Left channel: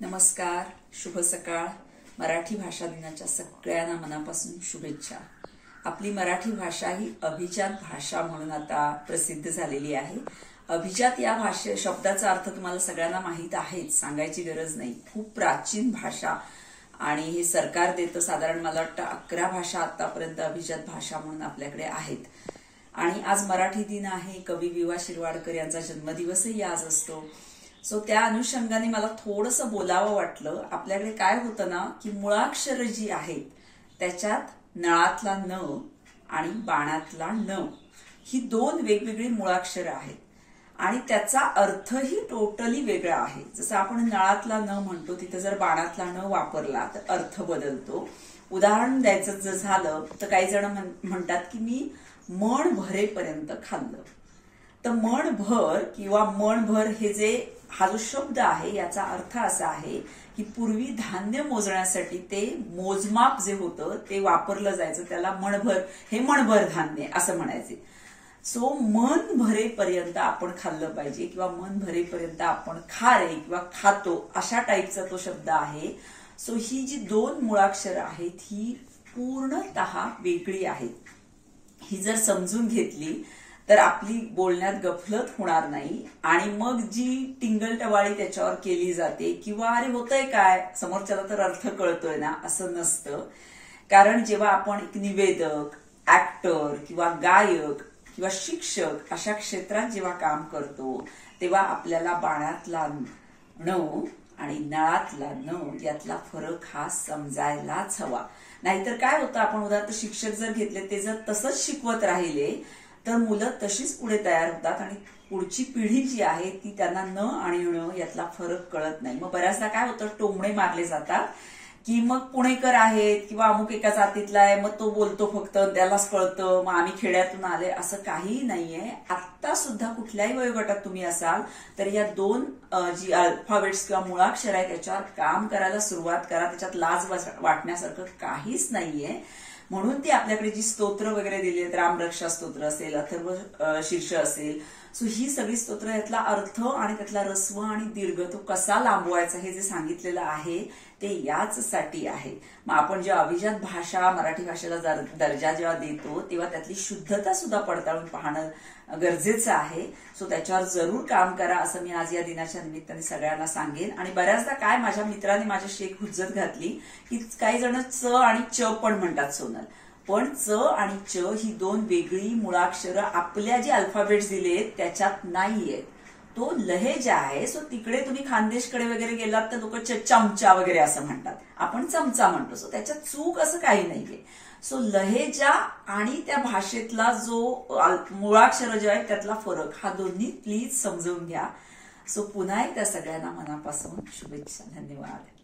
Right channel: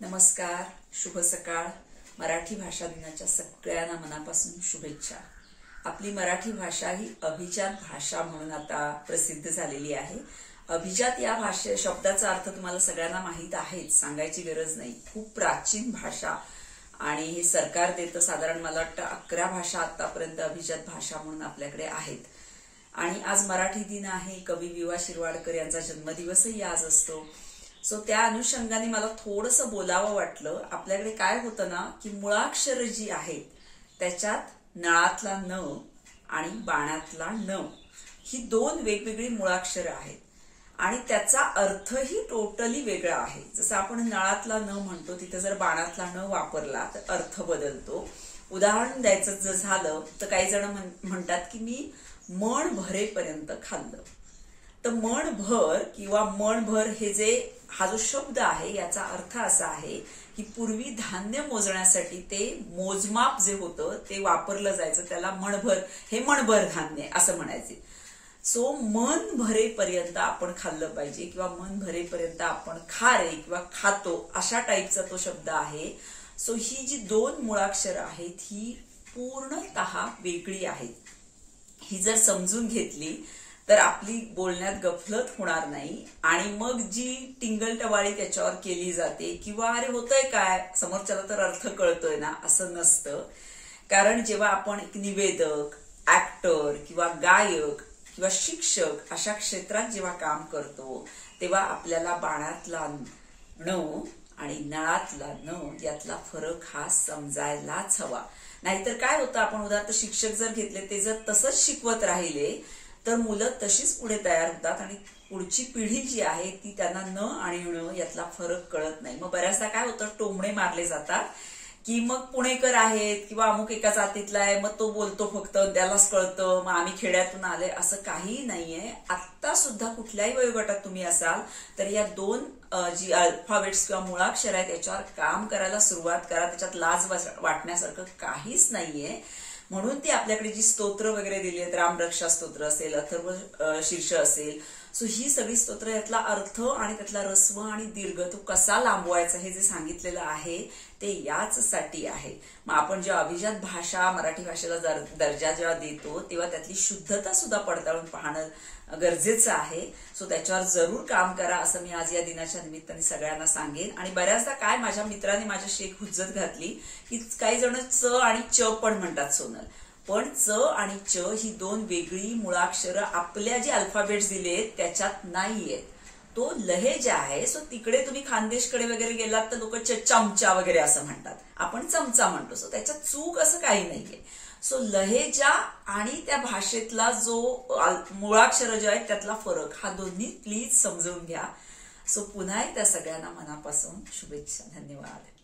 नमस्कार, शुभ सकाळ. मराठी भाषा दिनाच्या सगळ्यांना मनापासून शुभेच्छा. आपली मराठी भाषा ही अभिजात भाषा म्हणून आता प्रसिद्ध झालेली आहे. अभिजात या शब्दाचा अर्थ तुम्हाला सगळ्यांना माहित आहेच, सांगायची गरज नाही. खूप प्राचीन भाषा आणि हे सरकार देतं. साधारण मला वाटतं 11 भाषा आतापर्यंत अभिजात भाषा म्हणून आपल्याकडे आहेत. आणि आज मराठी दिन आहे. कवी वि वा शिरवाडकर यांचा जन्मदिवसही आज असतो. सो त्या अनुषंगाने मला थोडंसं बोलावं वाटलं. आपल्याकडे काय होतं ना की मुळाक्षर जी आहेत त्याच्यात नळातला न आणि बाणातला न ही दोन वेगवेगळी मुळाक्षरं आहेत आणि त्याचा अर्थही टोटली वेगळा आहे. जसं आपण नळातला न म्हणतो तिथे जर बाणातला न वापरला तर अर्थ बदलतो. उदाहरण द्यायचं जर झालं तर काही जण म्हणतात की मी मन भरेपर्यंत खाल्लं. तर मनभर किंवा मनभर हा जो शब्द आहे याचा अर्थ असा आहे की पूर्वी धान्य मोजण्यासाठी ते मोजमाप जे होतं ते वापरलं जायचं, त्याला मणभर, हे मणभर धान्य असं म्हणायचे. सो मन भरेपर्यंत आपण खाल्लं पाहिजे किंवा मन भरेपर्यंत आपण खा रे किंवा खातो अशा टाईपचा तो शब्द आहे. सो ही जी दोन मुळाक्षरं आहेत ही पूर्णतः वेगळी आहेत. ही जर समजून घेतली तर आपली बोलण्यात गफलत होणार नाही आणि मग जी टिंगलटवाळी त्याच्यावर केली जाते किंवा अरे होतंय काय समोरच्याला तर अर्थ कळतोय ना असं नसतं. कारण जेव्हा आपण एक निवेदक, ऍक्टर किंवा गायक किंवा शिक्षक अशा क्षेत्रात जेव्हा काम करतो तेव्हा आपल्याला बाणातला न आणि नळातला न यातला फरक हा समजायलाच हवा. नाहीतर काय होतं, आपण उदाहरणार्थ शिक्षक जर घेतले ते जर तसंच शिकवत राहिले तर मुलं तशीच पुढे तयार होतात आणि पुढची पिढी जी आहे ती त्यांना न आणि ण यातला फरक कळत नाही. मग बऱ्याचदा काय होतं, टोमणे मारले जातात की मग पुणेकर आहेत किंवा अमुक एका जातीतला आहे मग तो बोलतो फक्त त्यालाच कळतं, मग आम्ही खेड्यातून आले, असं काही नाहीये. आता सुद्धा कुठल्याही वयोगटात तुम्ही असाल तर या दोन जी अल्फाबेट्स किंवा मुळाक्षर आहेत त्याच्यावर काम करायला सुरुवात करा. त्याच्यात लाज वाटण्यासारखं काहीच नाहीये. म्हणून ती आपल्याकडे जी स्तोत्र वगैरे दिली आहेत, रामरक्षा स्तोत्र असेल, अथर्व शीर्ष असेल, सो ही सगळी स्तोत्र यातला अर्थ आणि त्यातला रस्व आणि दीर्घ तो कसा लांबवायचा हे जे सांगितलेलं आहे ते याच साठी आहे. मग आपण जेव्हा अभिजात भाषा मराठी भाषेला दर्जा जेव्हा देतो तेव्हा त्यातली शुद्धता सुद्धा पडताळून पाहणं गरजेचं आहे. सो त्याच्यावर जरूर काम करा असं मी आज या दिनाच्या निमित्ताने सगळ्यांना सांगेन. आणि बऱ्याचदा काय माझ्या मित्राने माझ्याशी एक हुज्जत घातली की काही जण च आणि च पण म्हणतात सोनल, पण च आणि च ही दोन वेगळी मुळाक्षरं आपल्या जे अल्फाबेट्स दिलेत त्याच्यात नाहीयेत. तो लहेजा आहे. सो तिकडे तुम्ही खानदेशकडे वगैरे गेलात तर लोक चमचा वगैरे असं म्हणतात, आपण चमचा म्हणतो. सो त्याच्यात चूक असं काही नाहीये. सो लहेजा आणि त्या भाषेतला जो मुळाक्षर जे आहेत त्यातला फरक हा दोन्ही प्लीज समजून घ्या. सो पुन्हा एकदा सगळ्यांना मनापासून शुभेच्छा. धन्यवाद.